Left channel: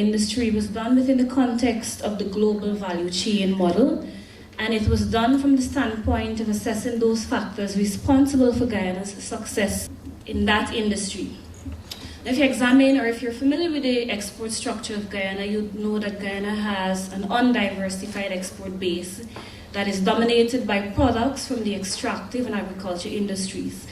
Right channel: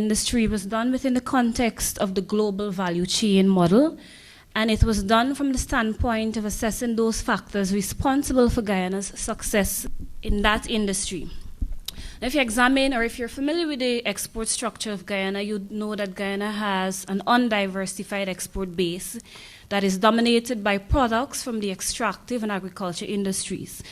industry was done within the context of the global value chain model, and it was done from the standpoint of assessing those factors responsible for Guyana's success in that industry. Now, if you examine, or if you're familiar with the export structure of Guyana, you know that Guyana has an undiversified export base that is dominated by products from the extractive and agriculture industries.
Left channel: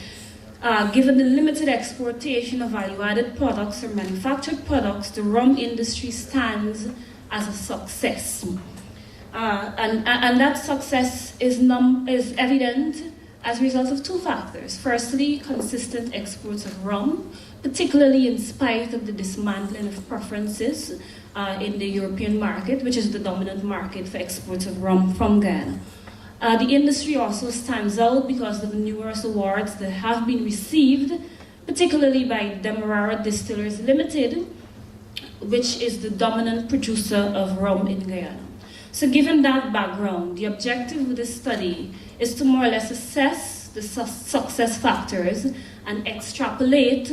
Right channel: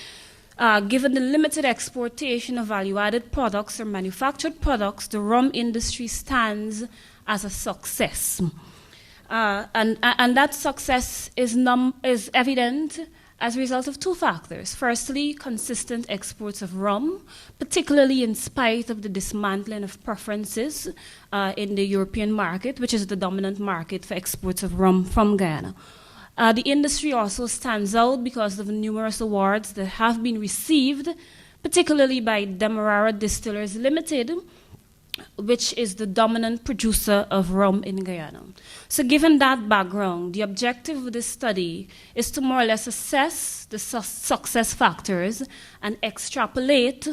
Given the limited exportation of value-added products or manufactured products, the rum industry stands as a success. And that success is evident as a result of two factors. Firstly, consistent exports of rum, particularly in spite of the dismantling of preferences in the European market, which is the dominant market for exports of rum from Guyana. The industry also stands out because of the numerous awards that have been received, particularly by Demerara Distillers Limited, which is the dominant producer of rum in Guyana. So given that background, the objective of this study is to more or less assess the success factors and extrapolate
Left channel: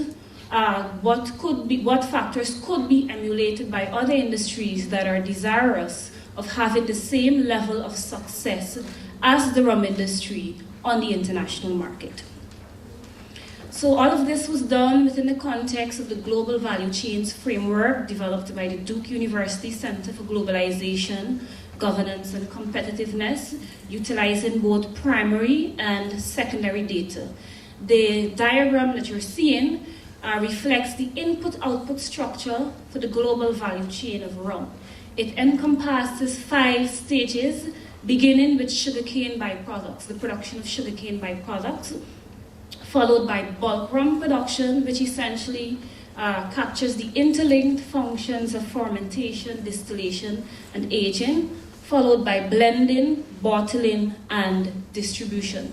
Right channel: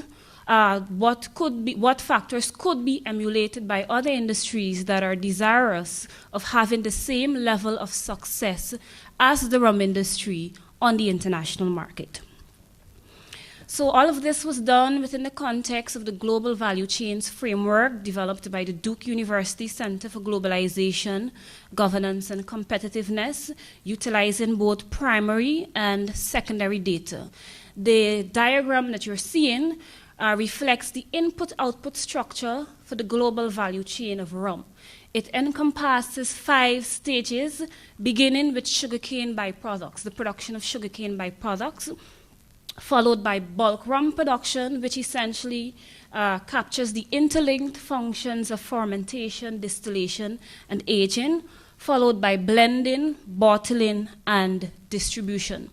what factors could be emulated by other industries that are desirous of having the same level of success as the rum industry on the international market. So all of this was done within the context of the Global Value Chains Framework developed by the Duke University Center for Globalization, Governance and Competitiveness, utilizing both primary and secondary data. The diagram that you're seeing reflects the input-output structure for the global value chain of rum. It encompasses 5 stages, beginning with sugarcane byproducts, the production of sugarcane byproducts, followed by bulk rum production, which essentially captures the interlinked functions of fermentation, distillation, and aging, followed by blending, bottling, and distribution.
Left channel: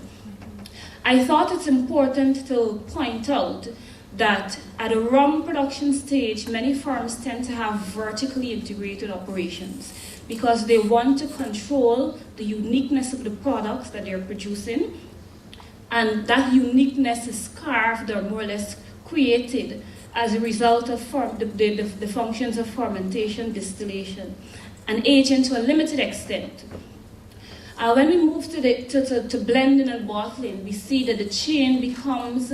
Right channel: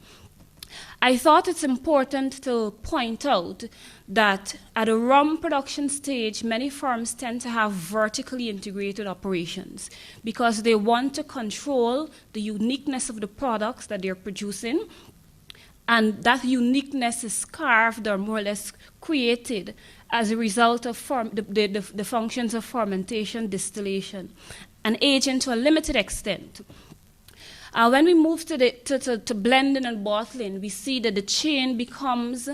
I thought it's important to point out that at a rum production stage, many firms tend to have vertically integrated operations because they want to control the uniqueness of the products that they're producing, and that uniqueness is carved or more or less created as a result of the functions of fermentation, distillation, and aging to a limited extent. When we move to blending and bottling, we see that the chain becomes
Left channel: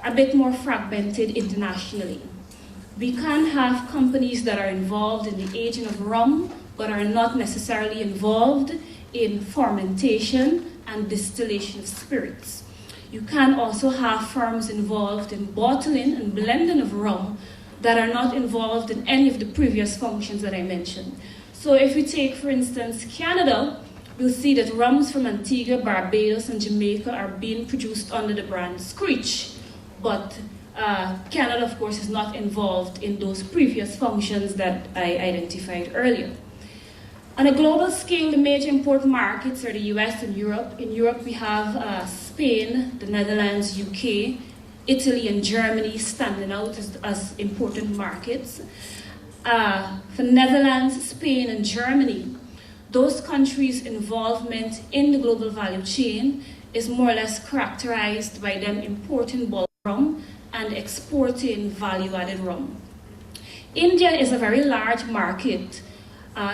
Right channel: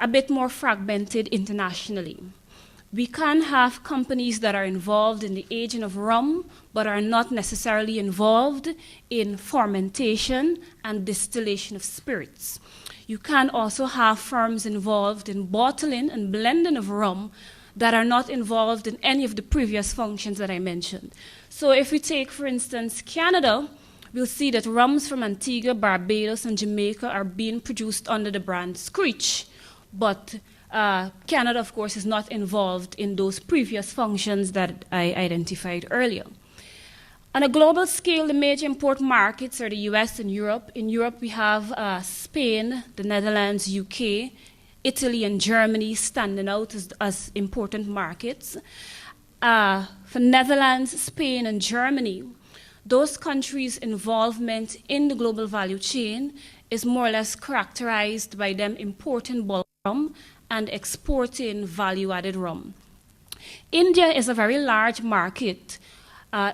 a bit more fragmented internationally. We can have companies that are involved in the aging of rum, but are not necessarily involved in fermentation and distillation of spirits. You can also have firms involved in bottling and blending of rum that are not involved in any of the previous functions that I mentioned. So if we take, for instance, Canada, we'll see that rums from Antigua, Barbados, and Jamaica are being produced under the brand Screech. But Canada, of course, is not involved in those previous functions that I identified earlier. On a global scale, the major import markets are the US and Europe. In Europe, we have Spain, the Netherlands, UK, Italy, and Germany standing out as important markets. For Netherlands, Spain, and Germany, those countries' involvement in the global value chain is more or less characterized by them importing bulk rum and exporting value-added rum. India is a very large market.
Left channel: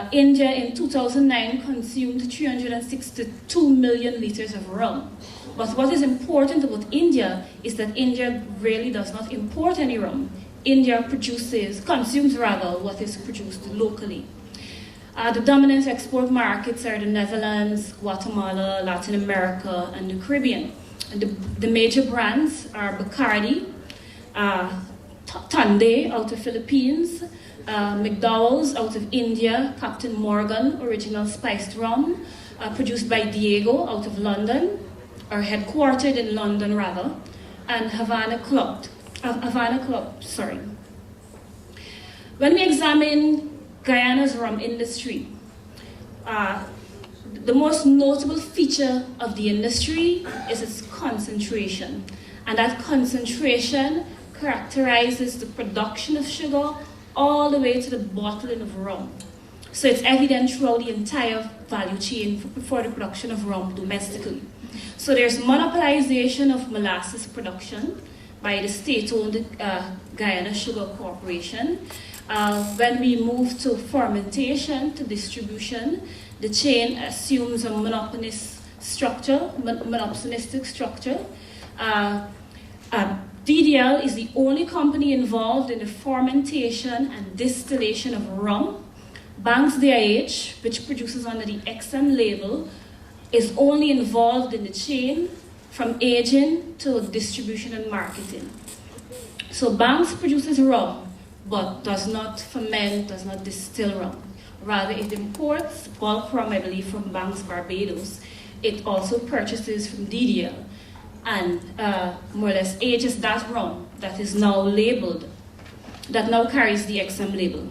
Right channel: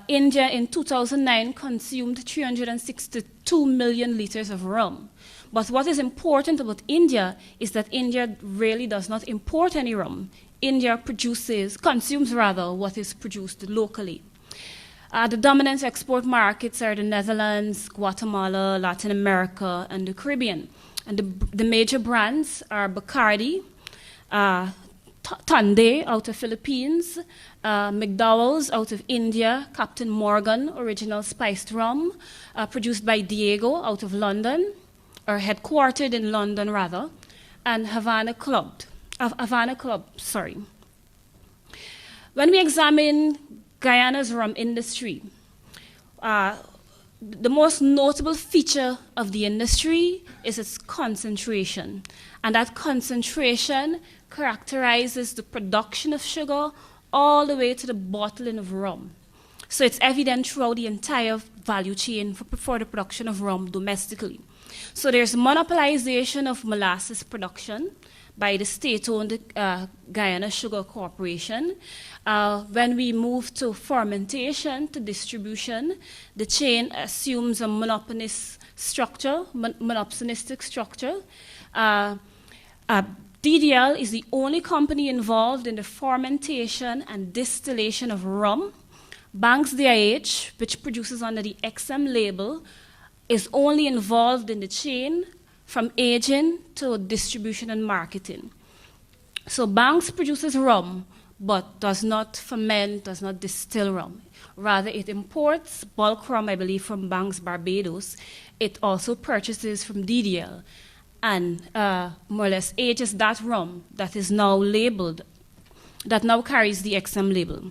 India in 2009 consumed 362 million liters of rum. But what is important about India is that India really does not import any rum. India consumes what is produced locally. The dominant export markets are the Netherlands, Guatemala, Latin America, and the Caribbean. And the major brands are Bacardi, Tande out of Philippines, McDowell's out of India, Captain Morgan Original Spiced Rum, produced by Diego out of London, or headquartered in London rather, and Havana Club. When we examine Guyana's rum industry, the most notable feature of the industry is its concentration. And that concentration characterizes the production of sugar all the way to the bottling of rum. So it's evident throughout the entire value chain for the production of rum domestically. So there's monopolization of molasses production by the state-owned Guyana Sugar Corporation. When we move to fermentation, to distribution, the chain assumes a monopolistic structure. DDL is the only company involved in the fermentation and distillation of rum. Banks DIH, which produces under the XM label, is only involved in the chain from aging to distribution and marketing. So Banks produces rum, but does not ferment, does not distill rum. Rather, it imports bulk rum, I believe, from Banks Barbados. It also purchases from DDL and more or less ages that rum that is now labeled, that now carries the XM label.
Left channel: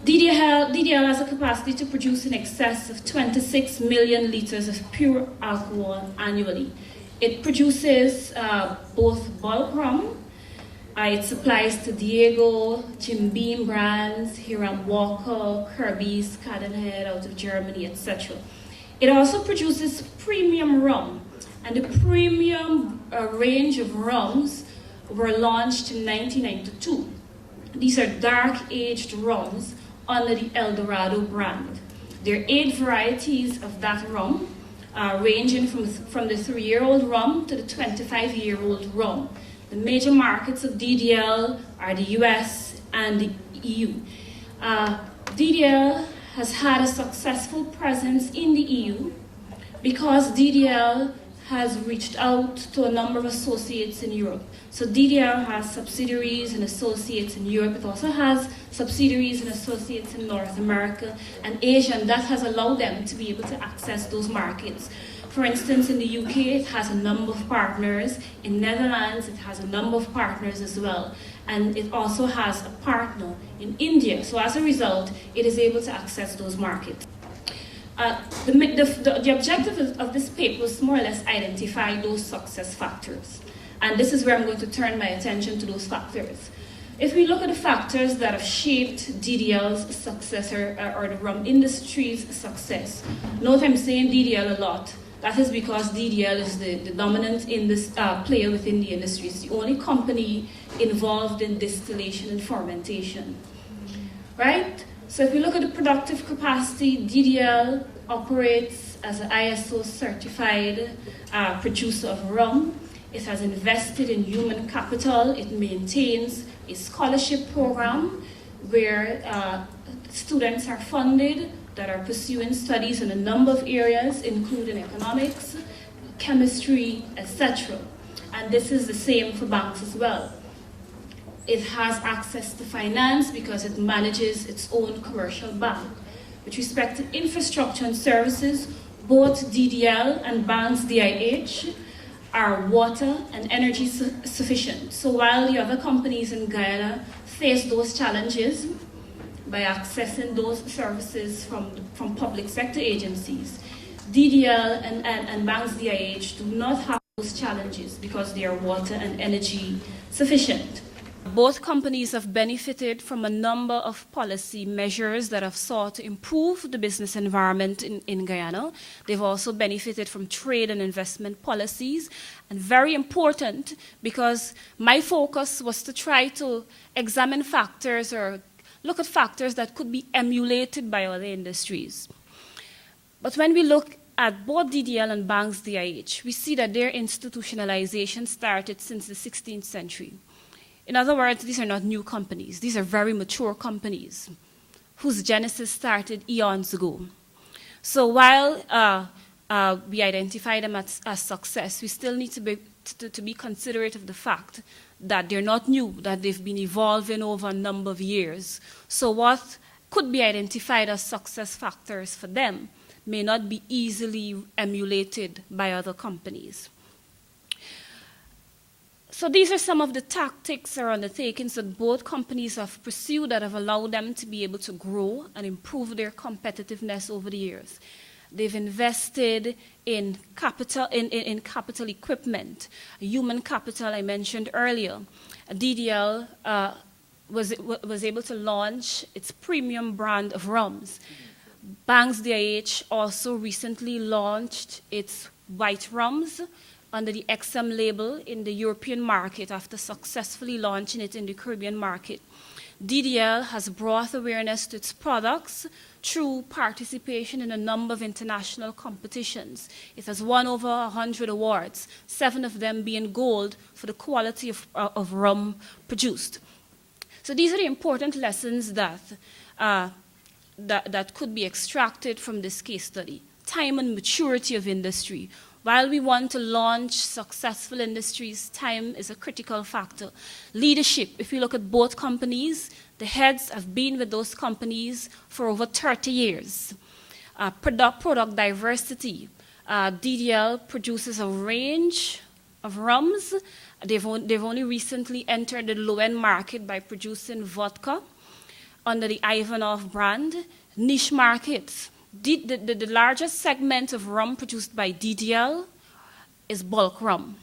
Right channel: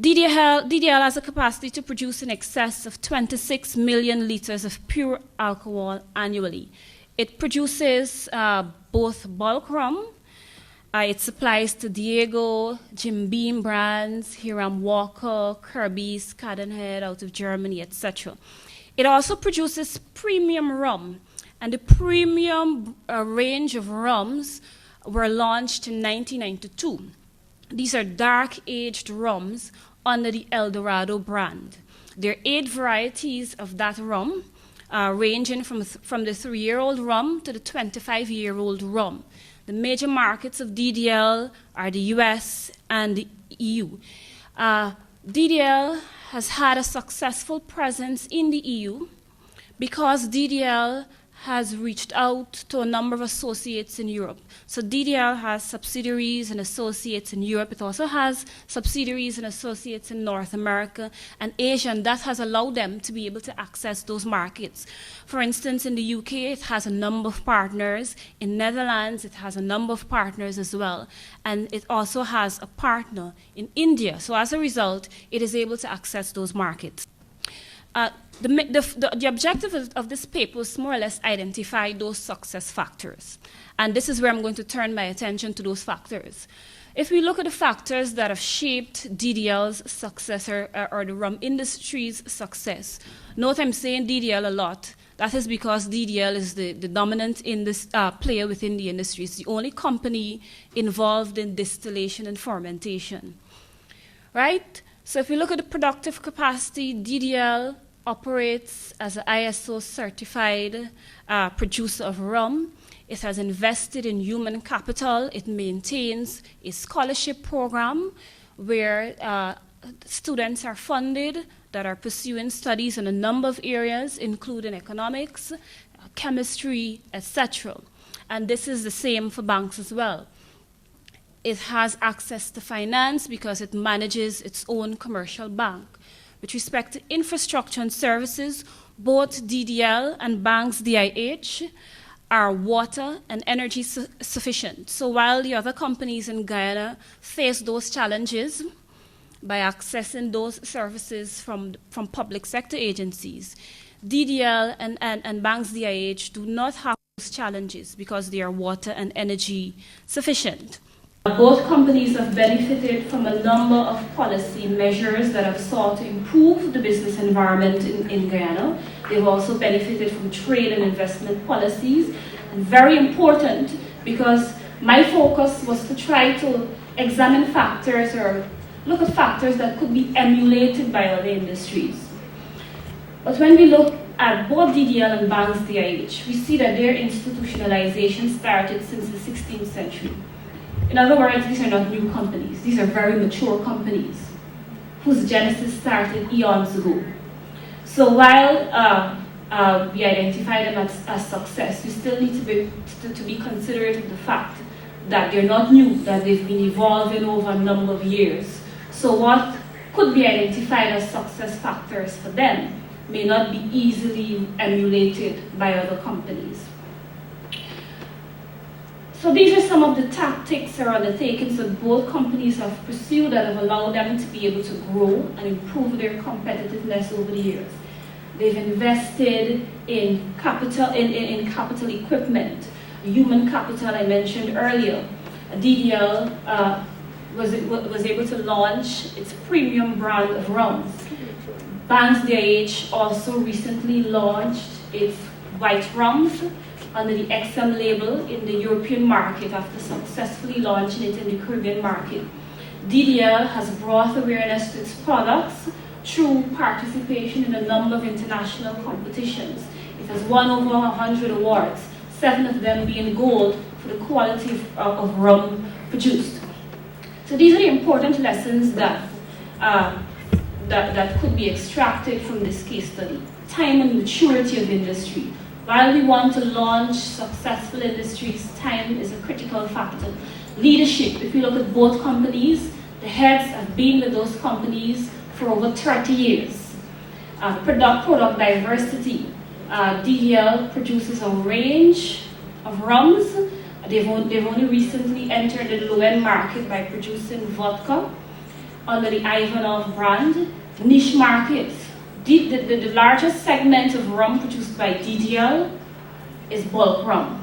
DDL has a capacity to produce in excess of 26 million liters of pure alcohol annually. It produces both bulk rum. It supplies to Diego, Jim Beam brands, Hiram Walker, Kirby's, Cadenhead out of Germany, etc. It also produces premium rum, and the premium range of rums were launched in 1992. These are dark-aged rums under the El Dorado brand. There are 8 varieties of that rum, ranging from the 3-year-old rum to the 25-year-old rum. The major markets of DDL are the US and the EU. DDL has had a successful presence in the EU because DDL has reached out to a number of associates in Europe. So DDL has subsidiaries and associates in Europe. It also has subsidiaries and associates in North America and Asia, and that has allowed them to be able to access those markets. For instance, in the UK, it has a number of partners. In Netherlands, it has a number of partners as well. And it also has a partner in India. So as a result, it is able to access those markets. The objective of this paper was more or less identify those success factors. And this is where I'm going to turn my attention to those factors. If we look at the factors that have shaped DDL's success or the rum industry's success, note I'm saying DDL a lot. That is because DDL is the dominant player within the industry. It's the only company involved in distillation and fermentation. Right? So if you look at the productive capacity, DDL operates as an ISO certified producer of rum. It has invested in human capital. It maintains a scholarship program where students are funded that are pursuing studies in a number of areas, including economics, chemistry, etc. And this is the same for Banks as well. It has access to finance because it manages its own commercial bank. With respect to infrastructure and services, both DDL and Banks DIH are water and energy sufficient. So while the other companies in Guyana face those challenges by accessing those services from public sector agencies, DDL and Banks DIH do not have those challenges because they are water and energy sufficient. Both companies have benefited from a number of policy measures that have sought to improve the business environment in Guyana. They've also benefited from trade and investment policies. And very important, because my focus was to try to examine factors or look at factors that could be emulated by other industries. But when we look at both DDL and Banks DIH, we see that their institutionalization started since the 16th century. In other words, these are not new companies. These are very mature companies whose genesis started eons ago. So while we identify them as success, we still need to be considerate of the fact that they're not new, that they've been evolving over a number of years. So what could be identified as success factors for them may not be easily emulated by other companies. So these are some of the tactics or undertakings that both companies have pursued that have allowed them to be able to grow and improve their competitiveness over the years. They've invested in capital equipment, human capital I mentioned earlier. DDL was able to launch its premium brand of rums. Banks DIH also recently launched its white rums under the XM label in the European market after successfully launching it in the Caribbean market. DDL has brought awareness to its products through participation in a number of international competitions. It has won over 100 awards, 7 of them being gold for the quality of rum produced. So these are the important lessons that could be extracted from this case study. Time and maturity of industry. While we want to launch successful industries, time is a critical factor. Leadership, if you look at both companies, the heads have been with those companies for over 30 years. Product diversity. DDL produces a range of rums. They've only recently entered the low-end market by producing vodka under the Ivanov brand. Niche markets. The largest segment of rum produced by DDL is bulk rum.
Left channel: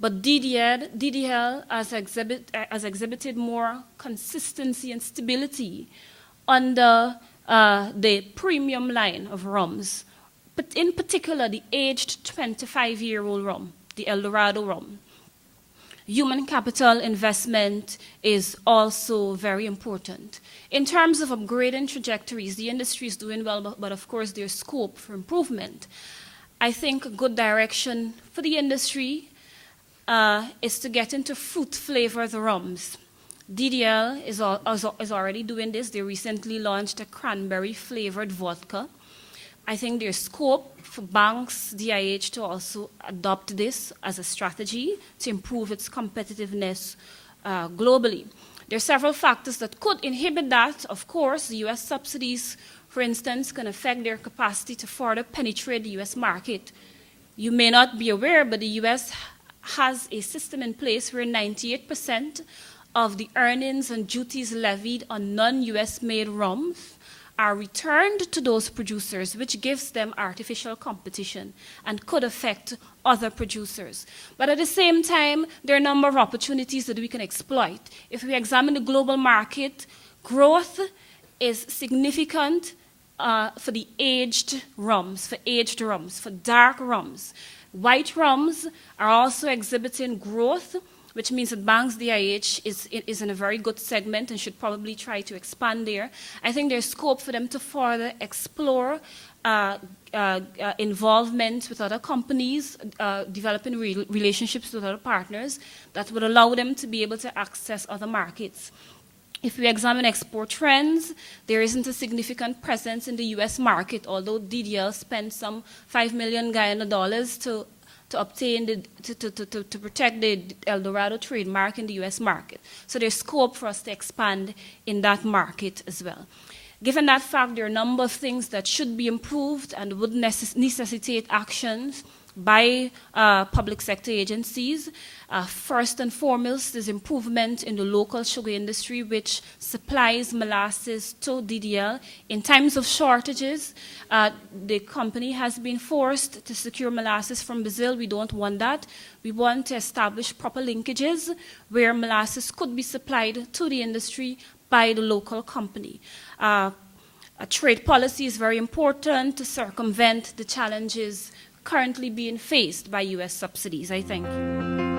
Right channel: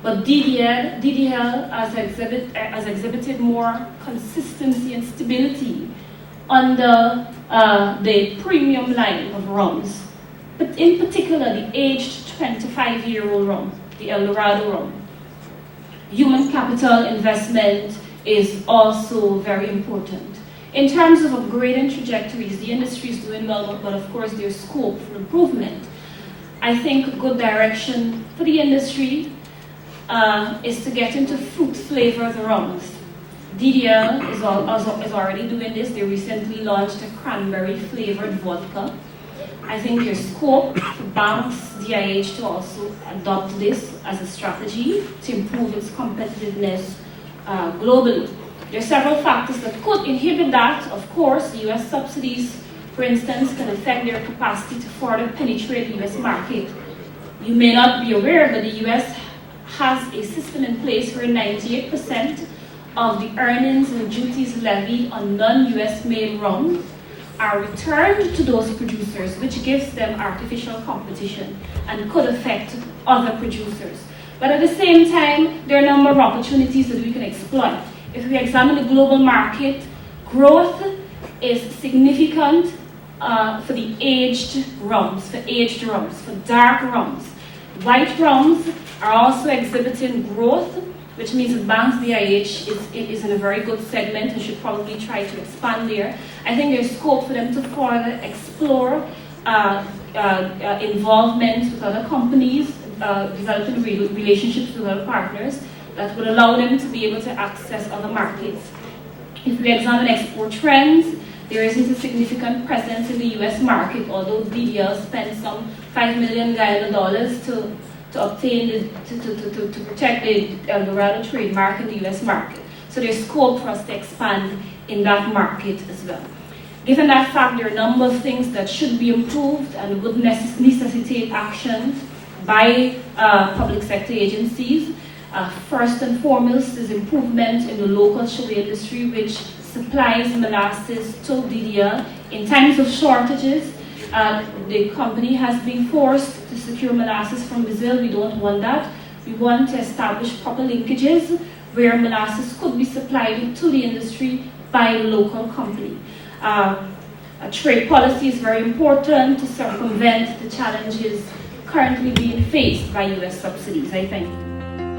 But DDL has exhibited more consistency and stability under the premium line of rums. But in particular, the aged 25-year-old rum, the El Dorado rum. Human capital investment is also very important. In terms of upgrading trajectories, the industry is doing well, but of course there's scope for improvement. I think a good direction for the industry is to get into fruit-flavored rums. DDL is already doing this. They recently launched a cranberry-flavored vodka. I think there's scope for banks, DIH, to also adopt this as a strategy to improve its competitiveness globally. There are several factors that could inhibit that. Of course, US subsidies, for instance, can affect their capacity to further penetrate the US market. You may not be aware, but the US has a system in place where 98% of the earnings and duties levied on non-US made rums are returned to those producers, which gives them artificial competition and could affect other producers. But at the same time, there are a number of opportunities that we can exploit. If we examine the global market, growth is significant for the aged rums, for dark rums. White rums are also exhibiting growth, which means that Banks DIH is in a very good segment and should probably try to expand there. I think there's scope for them to further explore involvement with other companies, developing relationships with other partners that will allow them to be able to access other markets. If we examine export trends, there isn't a significant presence in the US market, although DDL spent some $5 million to obtain to protect the El Dorado trademark in the US market. So there's scope for us to expand in that market as well. Given that fact, there are a number of things that should be improved and would necessitate actions by public sector agencies. First and foremost is improvement in the local sugar industry, which supplies molasses to DDL. In times of shortages, the company has been forced to secure molasses from Brazil. We don't want that. We want to establish proper linkages where molasses could be supplied to the industry by the local company. A trade policy is very important to circumvent the challenges currently being faced by US subsidies, I think.